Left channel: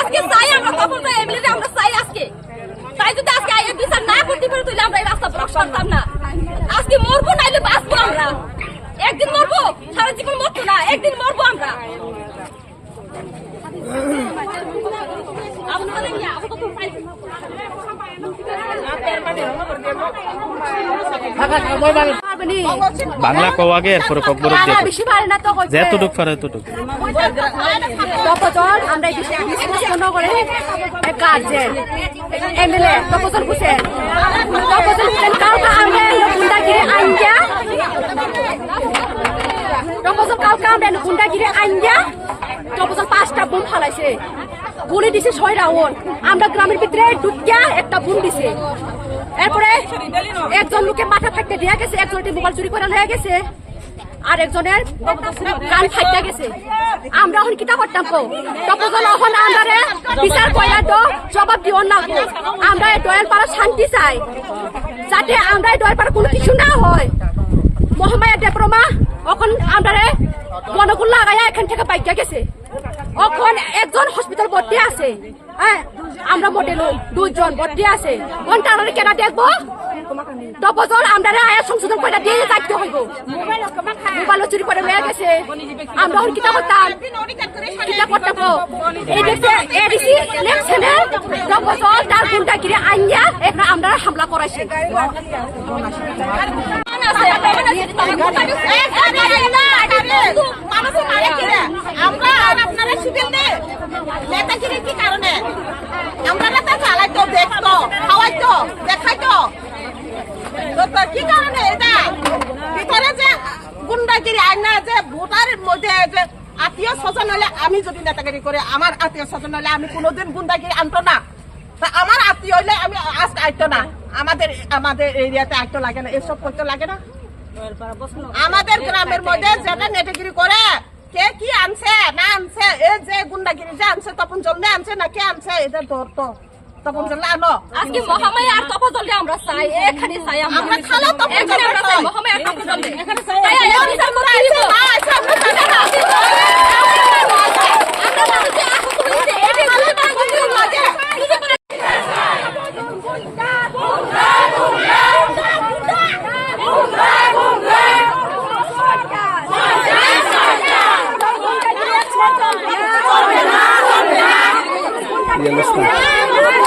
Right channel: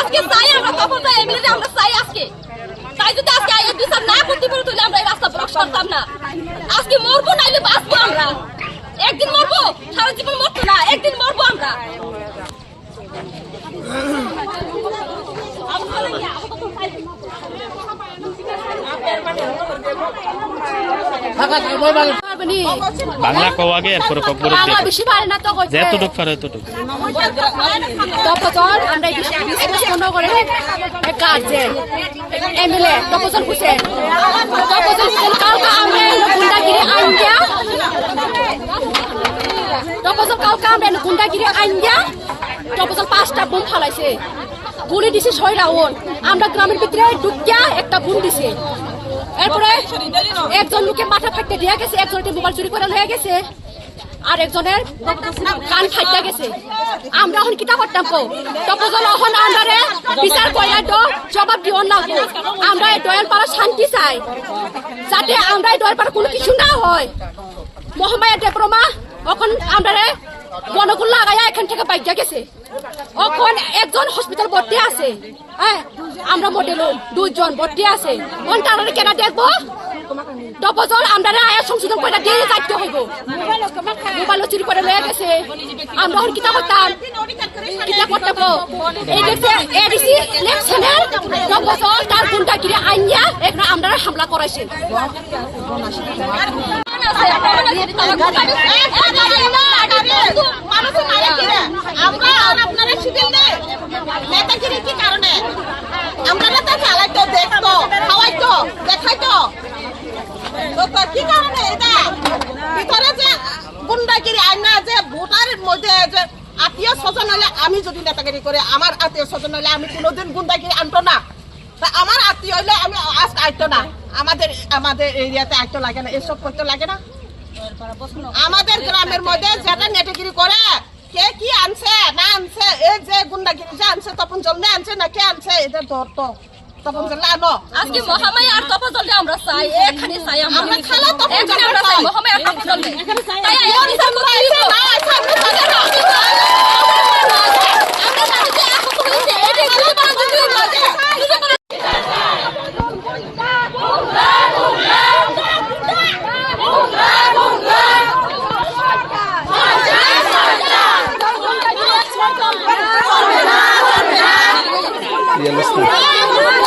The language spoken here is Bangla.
আজকে চাই আমরা তখন চাই এমএলএ আমরা চাই আজকে তাই যদি আজকে আইএ বিচার না করতে পারি তাহলে আমরা এই রাস্তা ব্লক করতাম না আজকে মরবো নাইলে বাঁচবো আমরা একদিন মরবো সারা জীবন মরতো না একদিন মরবো আমরা বাংলা কও আগে এরপরে ককবরে বাংলা বেশি পারে না তো কইছে যেতটুক পারে এতটুক তপজল আমরা 20 করে গার্জেন এমএলএ তপজল হোসেন কালকে আমরা গুন্ডাগিরি আইনজা তপজল কালকে আমরা গুন্ডাগিরি আইনজা তপজল 5টা বোম ফালাইছে গুলি দিছে 6 রাউন্ড আমরা গ্রামের ভিতরে ঢুকিয়া একটা বোম দিছে এরপরে একজন লোকে মাথা ফাটতে দিয়া গেছে একজনের মোবাইল চুরি করে লয়ে গেছে আর একজনের কান ফাইটা গেছে আমরা এখন কিতা করতাম কো তপজল এখন আন্ডারে বিচার কইরা তো জবাব দিও লাগবো আমরা দয়াল পাড়া শান্তি চাই যাতে আমরা দয়াল পাড়া কোনো কিছু না হয় মহামায়া দেবরমা এখন আন্ডারে গণগুল লাগাইয়া এখান থেকে বাইকা গেছে এখন একজন হসপিটাল ভর্তি আছে হ্যাঁ আমরা মডেল 2 জন ভর্তি আছে কোন তারারে কেনা দেখবো তপজল আমরা আয়া সংশোধন করে দিয়ে যাইতে হইব মোবাইল চুরি করে লয়ে গেছে আমরা এখন কিতা করতাম এই দেখছে এডিসি ইলেকশনের তপজল তার গুন্ডাগিরি আইনিয়া এখন আমরা হামলা করাইছে আমরা আপনারা শিখেন নেতাগিরি কি কারণে আমরা নেতা চালাইতো দেখতো খাওয়াইতো দেখাইতো কি কারণে এটা ভিতরে যে গুন্ডাগিরি আইনা যে ভোটারের মধ্যে যে আত্মীয় স্বজন হলে আমি যদি নেতাগিরি করে আমার আত্মীয় স্বজন হলে আমি কোনোদিন গুন্ডাগিরি আনতো না আমার আত্মীয় হইলে আমি আজ আইতো না আমাদের এরিয়াতে আইতো লাগে না এসব করতে লাগে না আমাদের গ্রামের মধ্যে যেটা নেতাগিরি করে কে কি আনছে না আনছে এই যে গুন্ডাগিরি যে আনছে তপন জল আনছে না কে আনছে এদের ধরতো তপন জল আনো আজকে মহামায়া আর তপন জল আমরা চাই এখানে চাই আমরা খালাও তপন জল আমরা চাই মহামায়া আর তপন জল এখানে চাই তাই এই বিচার করতে দিব না আচ্ছা আমরা চাই না আমরা মানুষ যে আহত হইছে এটি গুলি মারা দিতে লাগে Yellowstone.